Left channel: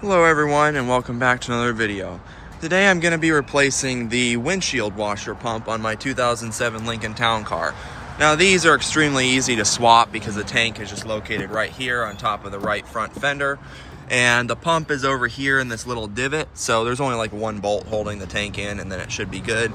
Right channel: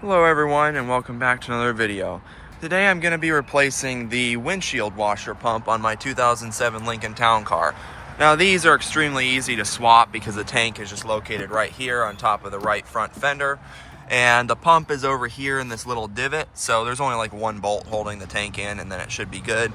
Hello everyone and welcome back to another video. Today I'm going to be replacing the windshield washer pump on my 2007 Lincoln Town Car. Now these are extremely easy to swap because the tank is just located right here on top of the right front fender, and the pump is over here in this little divot, so there's only like one bolt holding the tank in and then it should be good.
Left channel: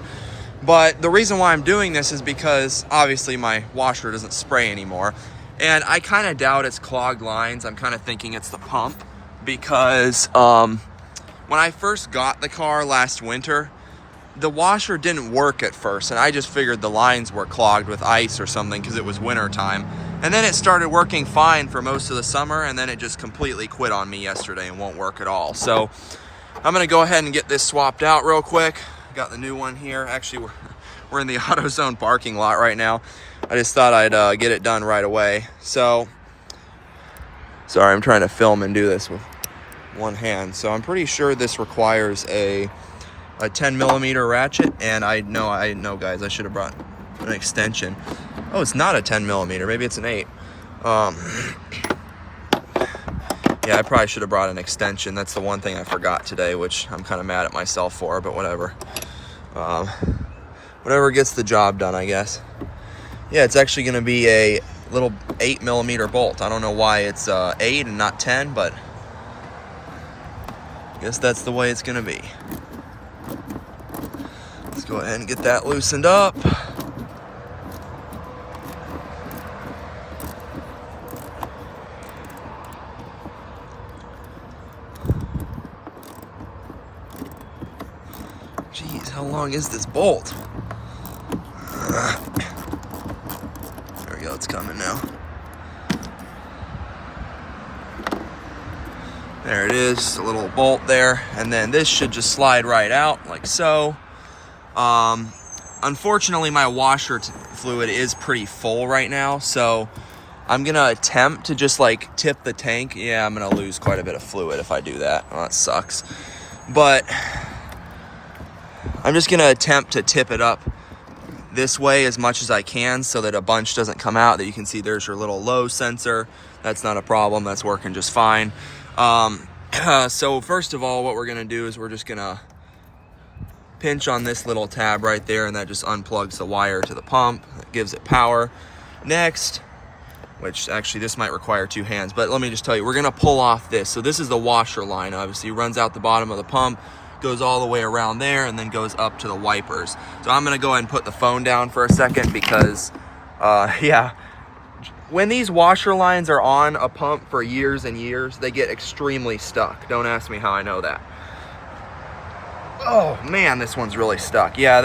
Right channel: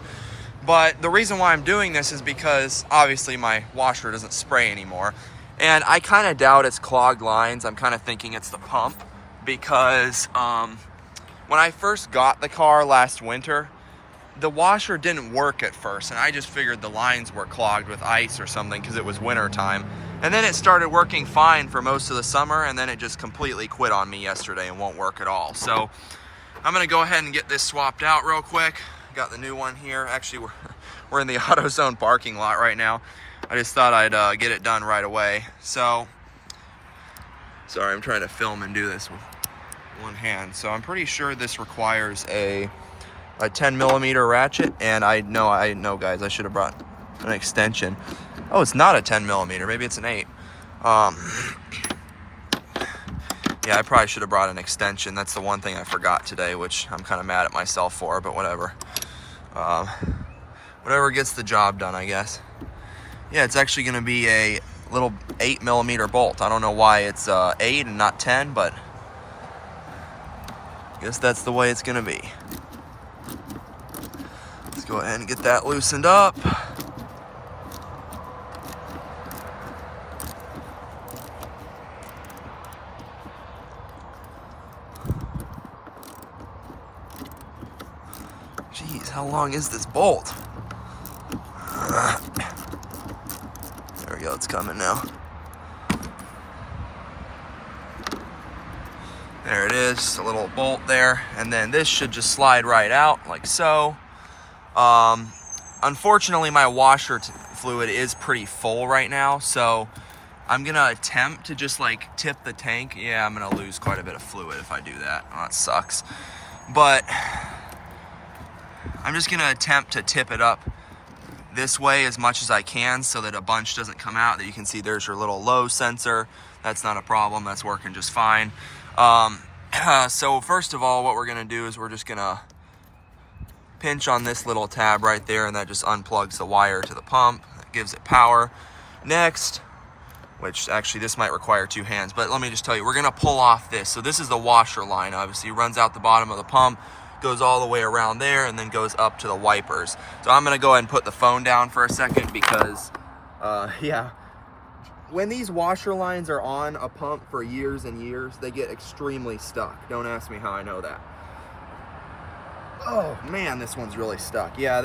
But the reason why I'm doing this is because obviously my washer doesn't spray anymore, and I kind of doubt it's clogged lines. I'm kind of thinking it's the pump, because when I first got the car last winter, the washer didn't work at first, and I just figured the lines were clogged with ice or something because it was winter time. And then it started working fine for most of the summer, and then it just completely quit on me yesterday and won't work at all. So I'm gonna go ahead and get this swapped out real quick. Got the new one here. Actually, we're in the AutoZone parking lot right now. I just thought I'd get it done right away. So sorry, I'm trying to film and do this with one hand. So I'm pretty sure this requires a 10 millimeter ratchet, and I know guys, I should have brought an extension. Oh, it's not a 10 millimeter, maybe it's an 8. Yeah, I probably should have brought an extension. That's the one thing I forgot today, which I'm kind of mad at myself for, but whatever. Whatever gets the job done, I guess. Yeah, it's actually going to be a little 8 millimeter bolt. I don't know why it's 8 and not 10, but I guess that's the way it's going to be. Let's go ahead and get that loosened up. Jeez, how long is this bolt? There we go, it's coming now. There it is, just a little bolt there, and then this should just slide right out like so. Unfortunately, my washer fluid is pretty full right now, so I'm gonna attempt to just like tip the tank. Yeah, I'm gonna lose quite a bit of fluid if I do that. Well, that sucks. But I'm just gonna attempt to tip it up this way as much as I can so that a bunch doesn't come out. That you can see there's your little low sensor. That's not a problem, that's working just fine. So first of all, what we're gonna do is we're just gonna pinch on this little tab right there, and that just unplugs the wire to the pump. That gives it power. Next, which actually this might require 2 hands, but let me just tell you, we're gonna pull off this. So this is the washer line, obviously. It runs out the bottom of the pump, goes all the way around there, and then goes up to the wipers. So I'm gonna go ahead and put the phone down for a second because, yeah, when these washer lines are on a pump for years and years, they get extremely stuck. Don't ask me how I know that. Oh man, this one's really stuck. Yeah,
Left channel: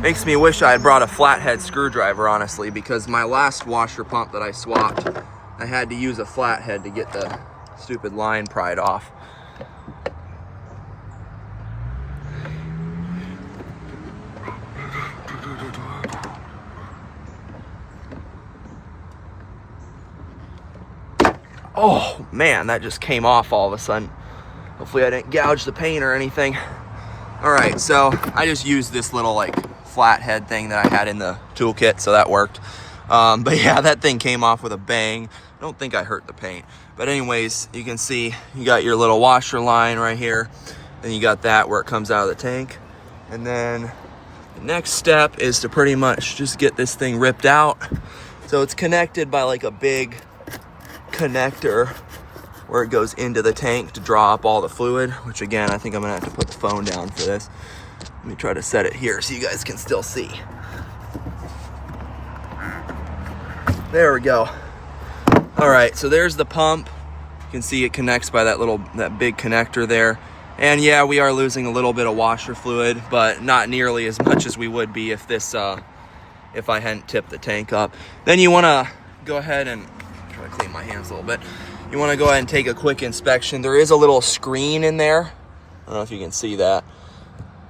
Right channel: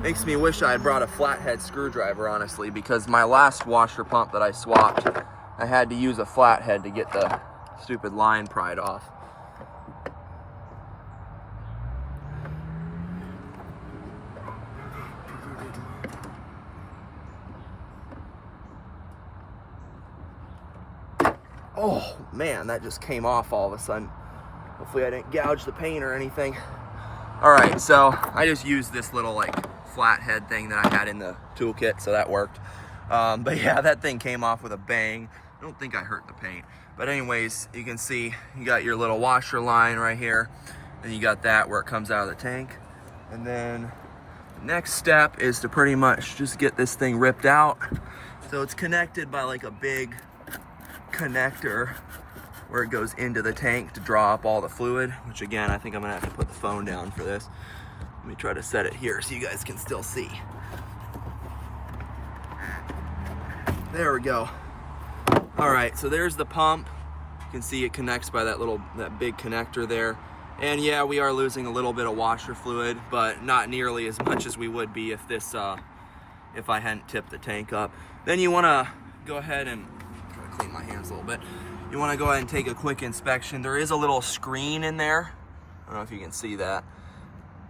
makes me wish I had brought a flathead screwdriver, honestly, because my last washer pump that I swapped, I had to use a flathead to get the stupid line pried off. Oh man, that just came off all of a sudden. Hopefully I didn't gouge the paint or anything. All right, so I just used this little like flathead thing that I had in the toolkit, so that worked. But yeah, that thing came off with a bang. I don't think I hurt the paint. But anyways, you can see you got your little washer line right here. Then you got that where it comes out of the tank. And then the next step is to pretty much just get this thing ripped out. So it's connected by like a big connector where it goes into the tank to draw up all the fluid, which again, I think I'm gonna have to put the phone down for this. Let me try to set it here so you guys can still see. There we go. All right, so there's the pump. You can see it connects by that big connector there. And yeah, we are losing a little bit of washer fluid, but not nearly as much as we would be if if I hadn't tipped the tank up. Then you wanna go ahead and try to clean my hands a little bit. You wanna go ahead and take a quick inspection. There is a little screen in there. I don't know if you can see that.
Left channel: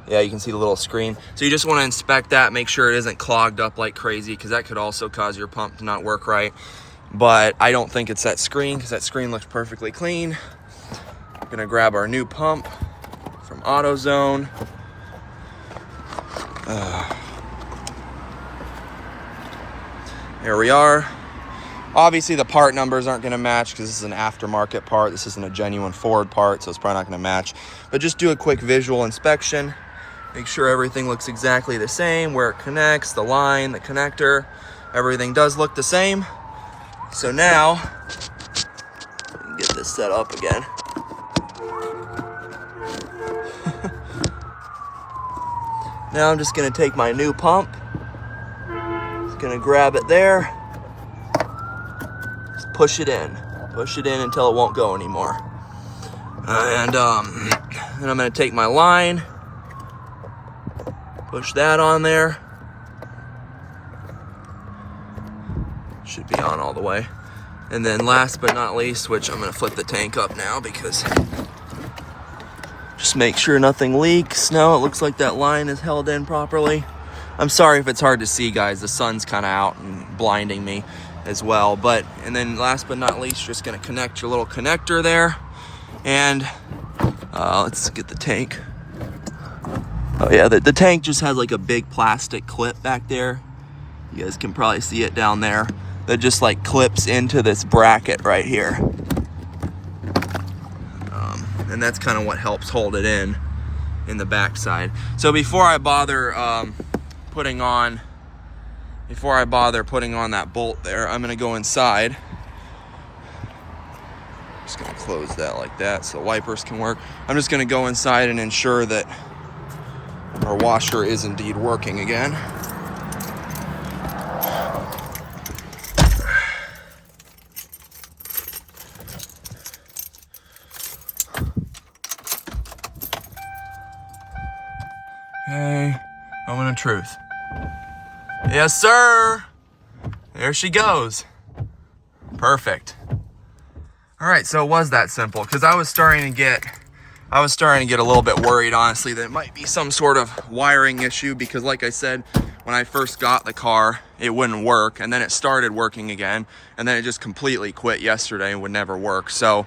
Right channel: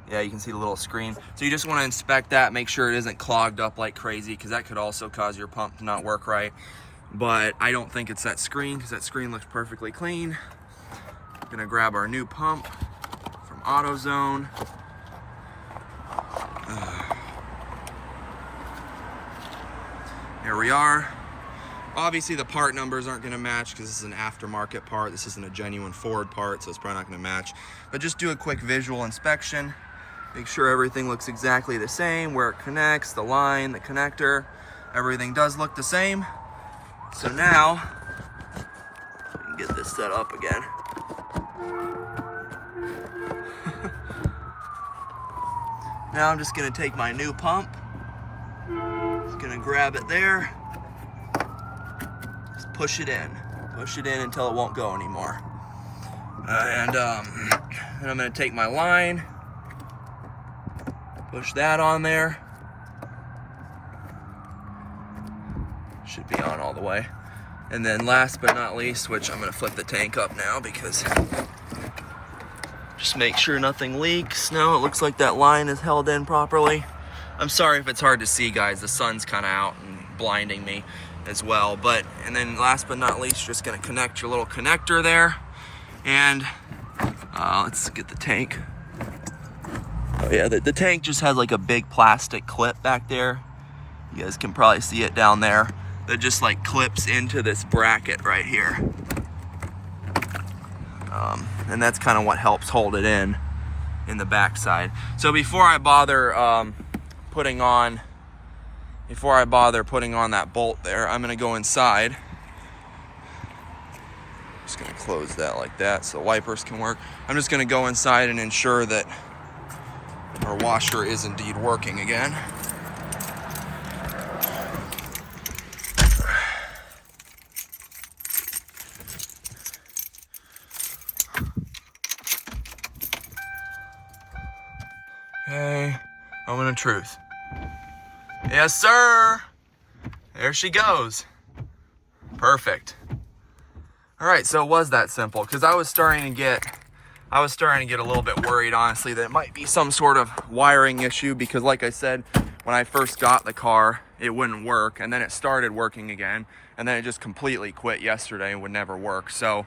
Yeah, you can see the little screen. So you just wanna inspect that, make sure it isn't clogged up like crazy, because that could also cause your pump to not work right. But I don't think it's that screen, because that screen looks perfectly clean. I'm gonna grab our new pump from AutoZone. There we are. Obviously the part numbers aren't gonna match because this is an aftermarket part. This isn't a genuine Ford part, so it's probably not gonna match. But just do a quick visual inspection. Make sure everything looks exactly the same, where it connects, the line, the connector, everything does look the same. So now, we can get this set up again. Now I'm just gonna take my new pump, just gonna grab it there, just push it in until it won't go anymore. And then I'm gonna take my line, push that on there. Should be on all the way. And then last but not least, which I'm gonna flip the tank up now because just make sure nothing leaks. No, it looks like that line is held in properly. I'm sorry if it's hard to see, guys. The sun's kind of out and blinding me as well. And then last but not least, just gonna connect your little connector there. And let's get the tank. Oh yeah, the tank just has like a big plastic clip back there. You guys can probably see it down there. That just like clips into this bracket right here. And that's kind of what helps hold it in the backside. So before I bother putting on that bolt there, I'm gonna go inside. Just gonna close that like that so the wipers can work. I'm just gonna go inside and ensure that our washer is indeed working again. Okay, moment of truth. Yes, sir. There she goes. Perfect. All right, so it was that simple because I was starting to get a little bit worried, honestly, that it might be some sort of wiring issue because, like I said, when I first got the car, it wouldn't work, and then it started working again, and then it just completely quit yesterday and would never work. So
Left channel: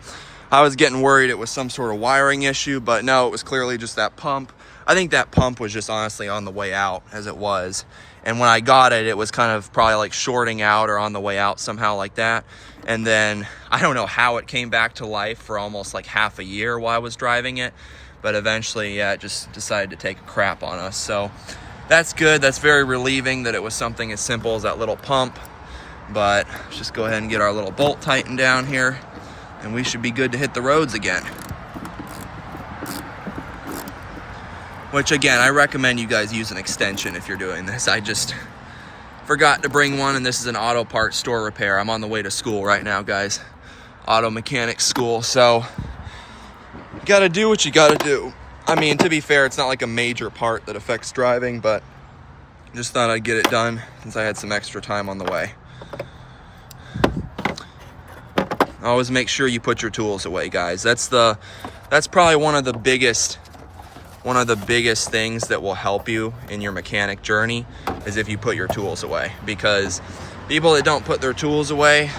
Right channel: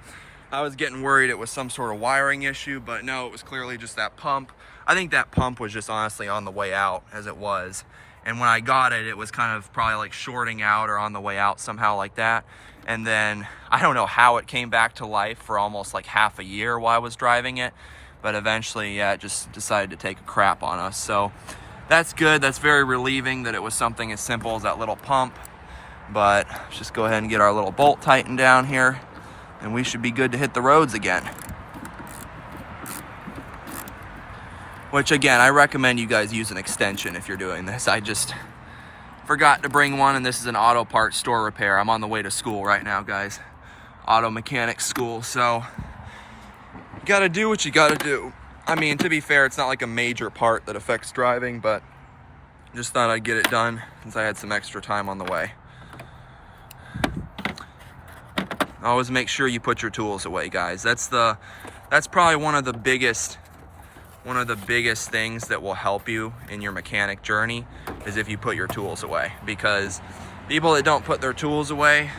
I was getting worried it was some sort of wiring issue, but no, it was clearly just that pump. I think that pump was just honestly on the way out as it was. And when I got it, it was kind of probably like shorting out or on the way out somehow like that. And then I don't know how it came back to life for almost like half a year while I was driving it. But eventually, yeah, it just decided to take a crap on us. So that's good. That's very relieving that it was something as simple as that little pump. But let's just go ahead and get our little bolt tightened down here. And we should be good to hit the roads again. Which again, I recommend you guys use an extension if you're doing this. I just forgot to bring one, and this is an auto parts store repair. I'm on the way to school right now, guys. Auto mechanics school, so you gotta do what you gotta do. I mean, to be fair, it's not like a major part that affects driving, but just thought I'd get it done since I had some extra time on the way. Always make sure you put your tools away, guys. That's probably one of the biggest things that will help you in your mechanic journey is if you put your tools away, because people that don't put their tools away,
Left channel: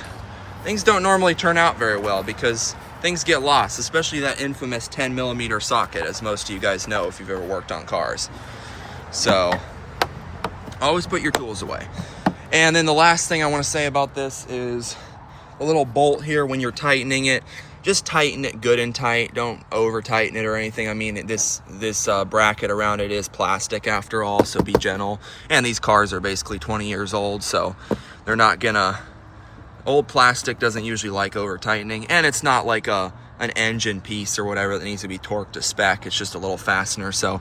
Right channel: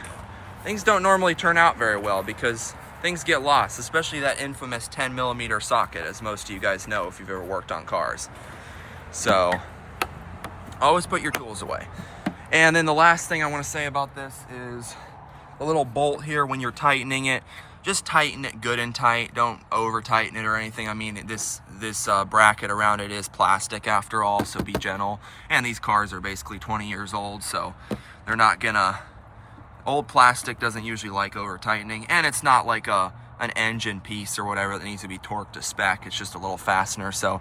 things don't normally turn out very well because things get lost, especially that infamous 10mm socket, as most of you guys know if you've ever worked on cars. So always put your tools away. And then the last thing I want to say about this is the little bolt here. When you're tightening it, just tighten it good and tight. Don't over tighten it or anything. I mean, this bracket around it is plastic after all, so be gentle. And these cars are basically 20 years old, so they're not gonna, old plastic doesn't usually like over tightening, and it's not like an engine piece or whatever that needs to be torqued to spec. It's just a little fastener, so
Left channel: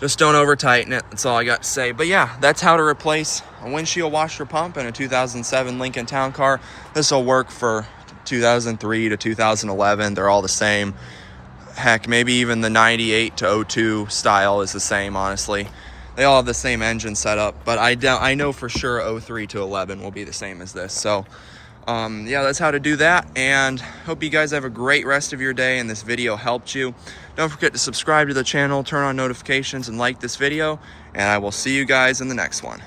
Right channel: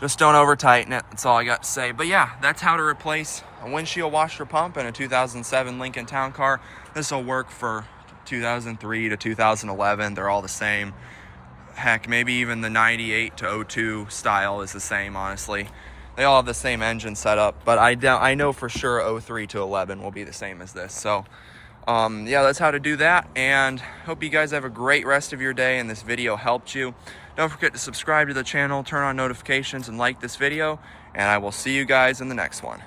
just don't over tighten it. That's all I got to say. But yeah, that's how to replace a windshield washer pump in a 2007 Lincoln Town Car. This will work for 2003 to 2011. They're all the same. Heck, maybe even the 98 to 02 style is the same, honestly. They all have the same engine setup, but I know for sure 03 to 11 will be the same as this. So yeah, that's how to do that, and hope you guys have a great rest of your day and this video helped you. Don't forget to subscribe to the channel, turn on notifications, and like this video, and I will see you guys in the next one.